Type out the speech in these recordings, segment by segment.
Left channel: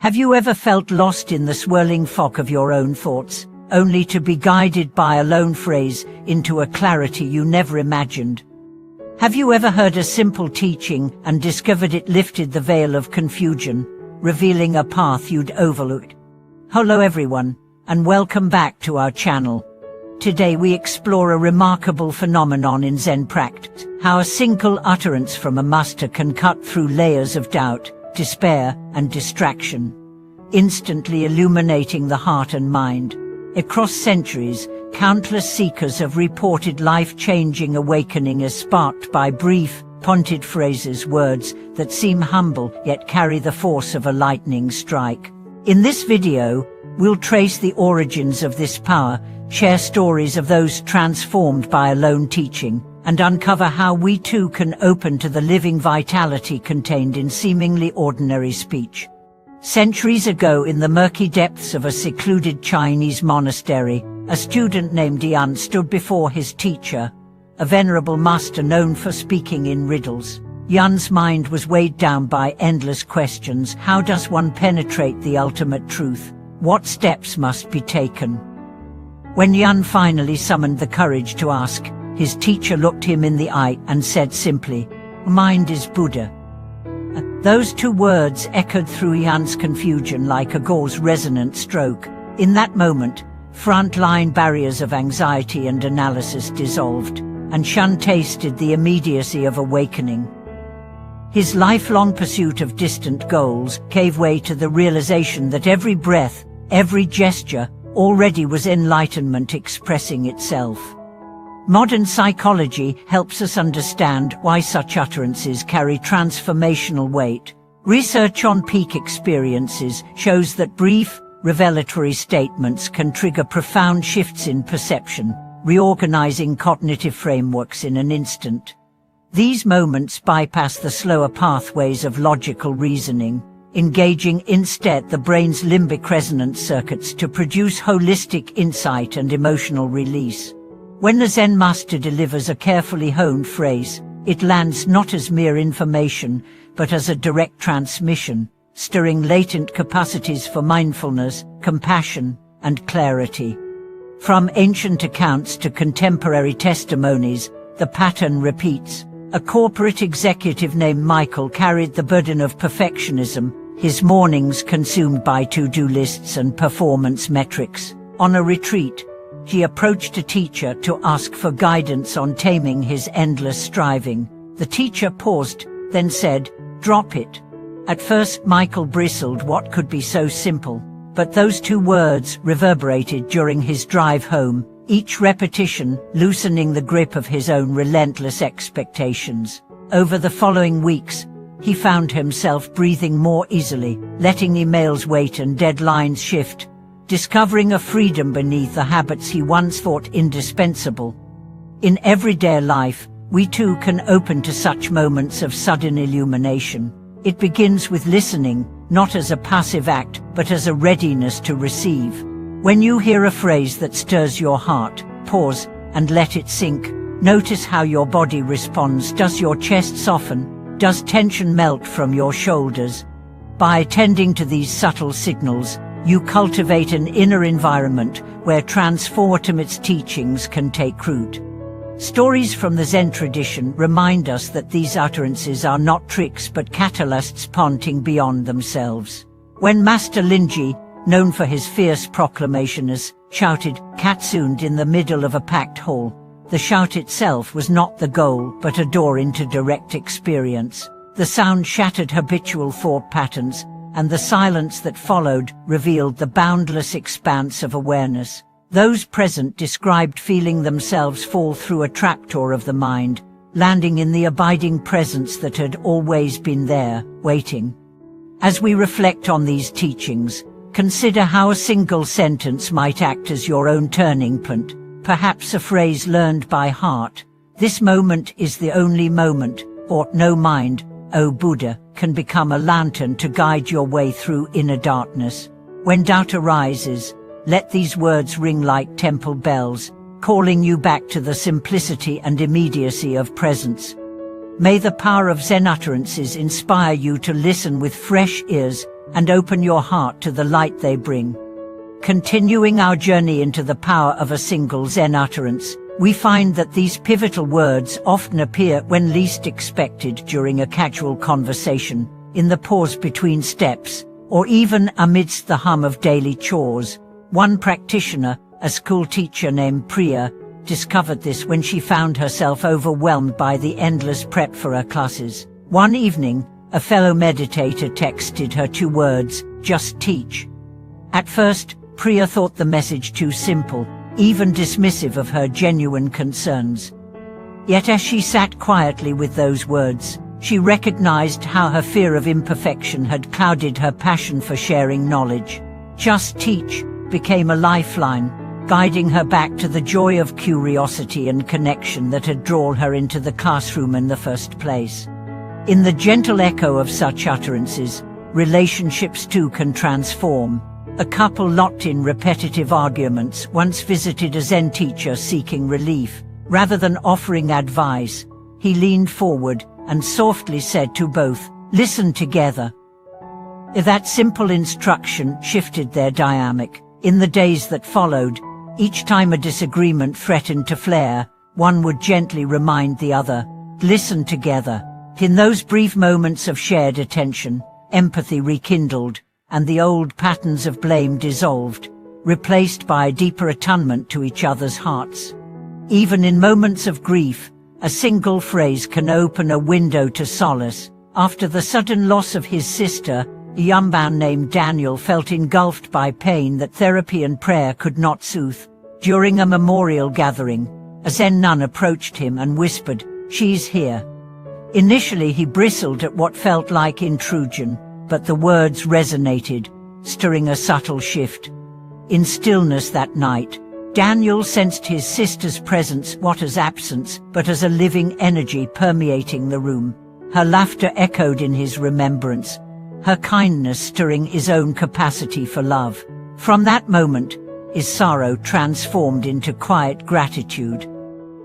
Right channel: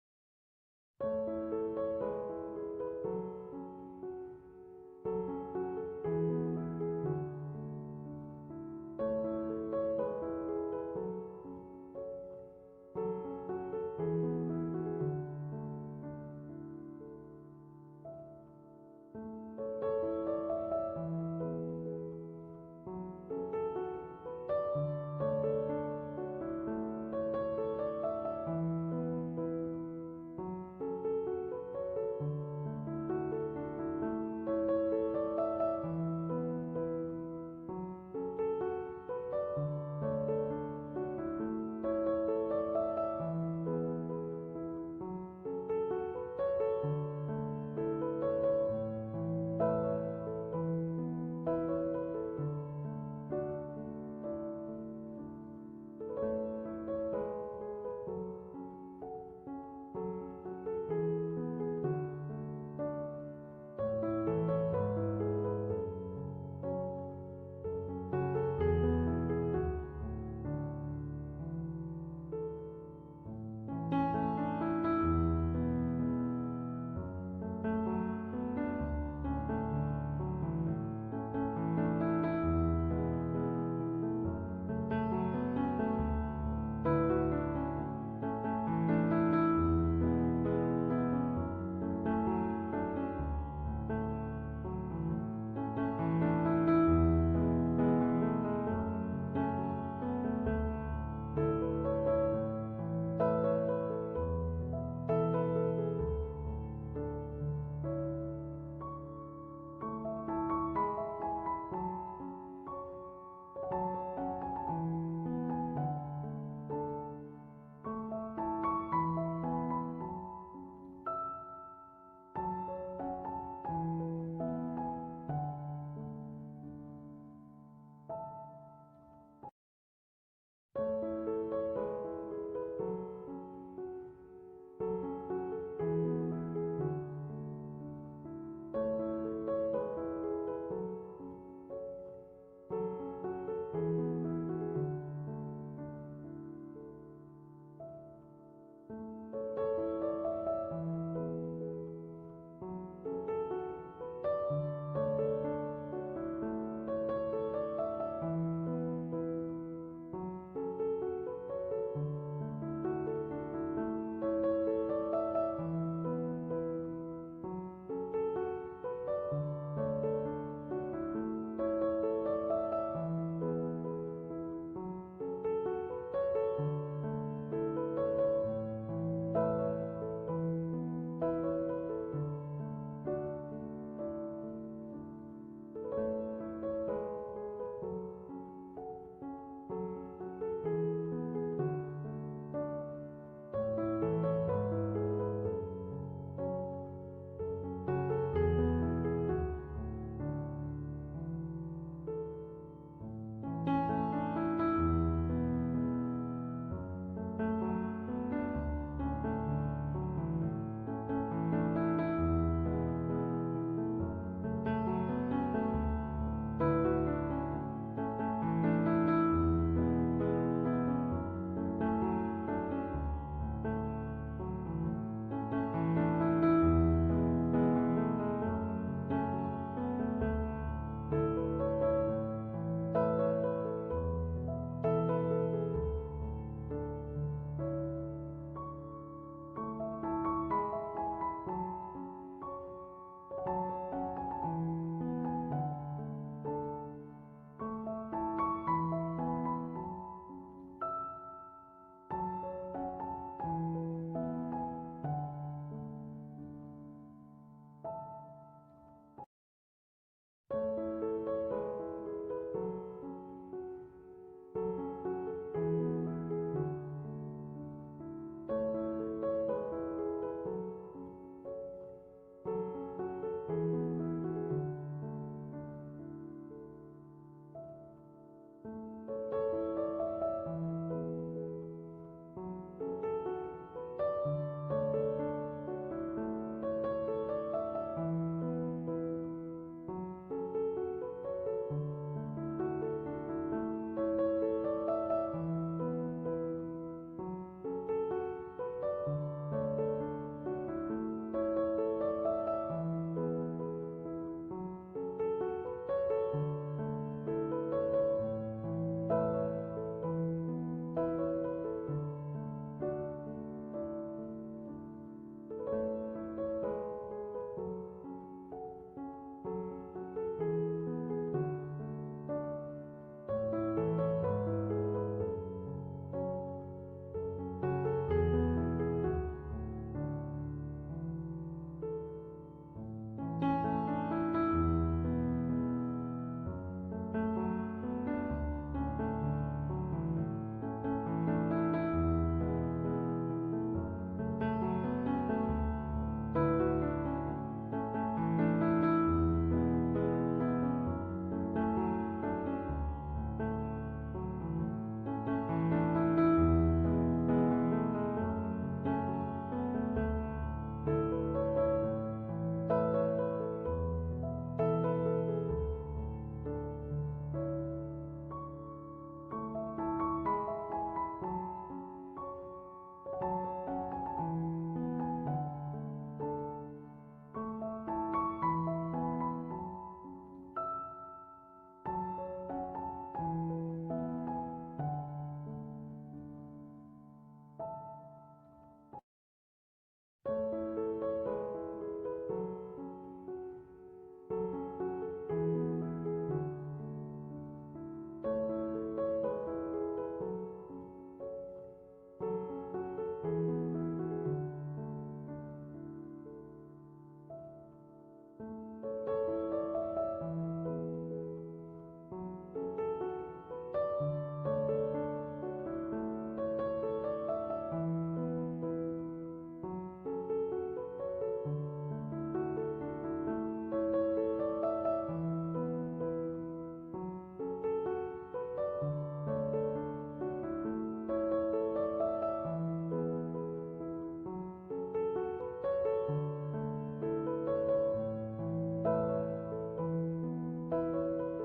Have you ever felt lost in the swirling fog of your own thoughts, only to be guided by a lone phrase into a clarity you never imagined? Have you ever heard a simple teaching and discovered it lifted the veil of confusion, revealing a path you'd overlooked? Hello everyone, and welcome back to our channel. Today we explore a remarkable phenomenon in Zen practice, how a single utterance from a master can cut through layers of doubt, despair, and distraction, instantly illuminating the heart and mind. Across centuries, countless seekers have reported life-changing awakening sparked by brief, pointed phrases, words that seem humble yet carry the force of a lightning strike. In this video, we'll trace the origins of this power, share stories of those transformed by a lone teaching, and uncover how we too can open to the living vitality contained in seemingly ordinary speech. Centuries ago, in the murky depths of a secluded Chinese monastery, a student named Yan stood before his teacher, a venerable master known for speaking in riddles. Yan's mind was weighed down by endless questions. How does one penetrate the ultimate truth? What steps must be taken? When Yan finally summoned the courage to ask, his teacher looked him in the eye and said simply, "Mind is Buddha." Those two words echoed through Yan's confusion like a gauze resonant stroke. In that moment, front-line barriers of anxiety and analysis dissolved, and Yan tasted the immediacy of awakening. His lifelong pursuit of distant goals gave way to the realization that every breath, every gesture, already was enlightenment expressing itself. Modern psychology helps us understand why such utterances carry transformational weight. Research on peak experiences shows that brief, revelatory statements can trigger profound shifts in perception, reorganizing cognitive frameworks in an instant. These moments bypass the slower pathways of logical reasoning, engaging instead the brain's limbic resonance circuits to produce holistic insight and emotional release. When the Zen master delivers a carefully honed phrase, it lands not as mere information, but as a direct transmission, stirring latent capacities for mindfulness, compassion, and clarity. From ancient accounts to contemporary testimonies, the pattern repeats. A corporate executive named Michael carried the burden of perfectionism, his mornings consumed by to-do lists and performance metrics. On a retreat, he approached a teacher to ask for guidance on taming his endless striving. The teacher paused, then said, "Drop it." At first Michael bristled. What could be so simple? But those two words reverberated during his drive home, each repetition loosening the grip of his own relentless expectations. Over the following weeks, he found himself breathing more easily, letting emails wait and deadlines shift, discovering a freedom beneath the habits he once thought indispensable. In everyday life, we too can open to such moments of sudden illumination. It begins with listening, not as a passive act, but as a readiness to receive. When you hear a phrase that stirs your heart, pause and let it sink. Notice how your body responds. Does your chest soften? Does tension melt from your shoulders? By attending to these subtle signals, you cultivate an inner environment where transformative teachings can take root. Stories from the Zen tradition remind us that these utterances are not tricks but catalysts pointing beyond themselves. When Master Linji, known for his fierce proclamations, shouted "Katsuned" in the middle of a packed hall, the shout itself was not the goal but a door into direct experience. The sound shattered habitual thought patterns, and the silence that followed revealed the boundless expanse of awareness. Those present described feeling themselves fall through a trapdoor of the mind, landing in the abiding presence that had always been there, waiting. As we reflect on these teachings, consider how a single sentence might act as your own turning point, perhaps a phrase learned by heart. "This moment is the only moment," or "No mind, O Buddha," can become a lantern to guide your way through inner darkness. When doubt arises, let these words ring like temple bells, calling you back to the simplicity and immediacy of presence. May the power of Zen utterances inspire you to listen with fresh ears, and open your heart to the light they bring. Continuing our journey into the power of a single Zen utterance, we find that these pivotal words often appear when least expected during a casual conversation, in the pause between steps, or even amidst the hum of daily chores. One practitioner, a school teacher named Priya, discovered this when she found herself overwhelmed by the endless prep for her classes. One evening, a fellow meditator texted her 2 words, "Just teach." At first, Priya thought the message too simple, even dismissive of her genuine concerns. Yet as she sat quietly with those words, she recognized how her fear of imperfection had clouded her passion for sharing knowledge. "Just teach" became a lifeline, guiding her back to the joy of curiosity and connection that had drawn her into the classroom in the first place. In the gentle echo of such utterances, relationships too can transform. A couple locked in repetitive arguments once visited a Zen teacher seeking relief. Rather than offering advice, he leaned forward and softly said to both, "Listen together." That simple instruction shifted their dynamic. In the days that followed, each time a disagreement threatened to flare, one would gently remind the other, "Listen together." In those brief moments of shared attention, empathy rekindled, and the old patterns of blame dissolved, replaced by a deeper attunement to each other's hearts. Even in moments of grief, a single phrase can open a window to solace. After the sudden loss of his sister, a young man named Daniel felt engulfed by pain that therapy and prayer could not soothe. During a memorial gathering, a Zen nun approached him and whispered, "She's here." Initially he bristled at what felt like intrusion, but the words resonated, stirring a subtle shift. In stillness that night, Daniel sensed his sister's presence not as absence, but as a living energy permeating the room. Her laughter echoed in his remembrance, her kindness stirring his own capacity for love. From that moment, his sorrow transformed into quiet gratitude.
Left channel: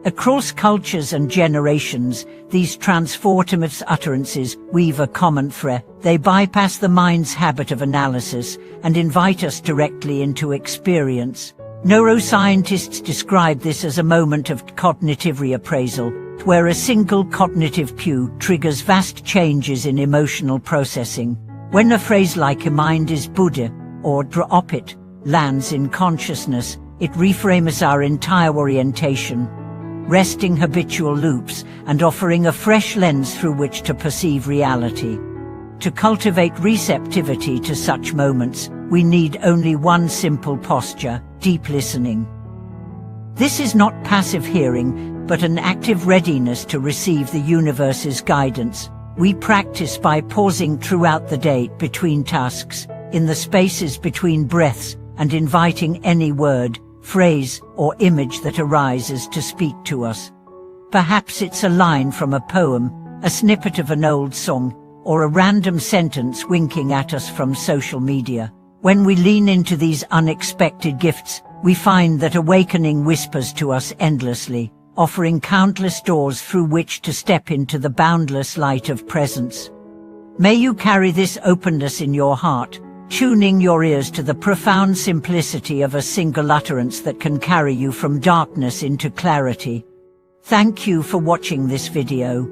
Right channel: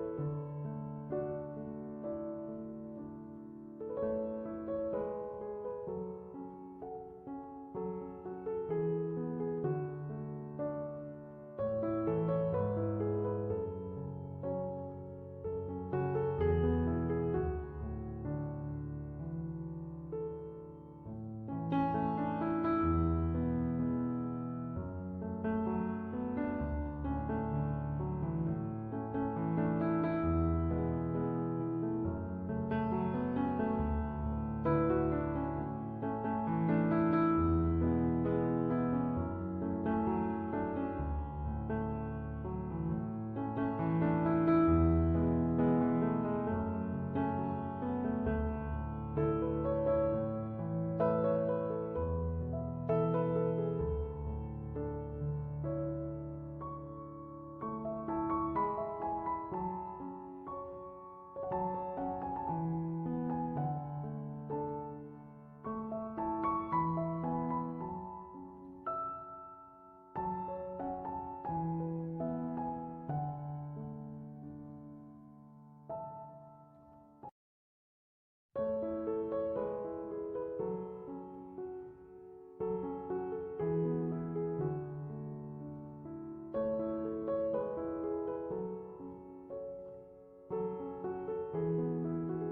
Across cultures and generations, these transformative utterances weave a common thread. They bypass the mind's habit of analysis and invite us directly into experience. Neuroscientists describe this as a moment of cognitive reappraisal, where a single cognitive cue triggers vast changes in emotional processing. When a phrase like "a mind is Buddha" or "drop it" lands in consciousness, it reframes our entire orientation, resting habitual loops and offering a fresh lens through which to perceive reality. To cultivate receptivity to such moments, we need only one simple posture: deep listening. This is not passive hearing, but an active readiness to receive the universe's guidance. We practice by pausing throughout the day, between tasks, in the spaces between breaths, and inviting any word, phrase, or image that arises to speak to us. Perhaps it's a line from a poem, a snippet of an old song, or a random sentence winking at us from social media. When we lean into these unexpected gifts, we find that awakening whispers to us endlessly, offering countless doors through which to step into the boundless light of presence. May you carry this openness in your heart, tuning your ears to the profound simplicity of a single utterance that can carry you from darkness into clarity. Thank you for watching this video.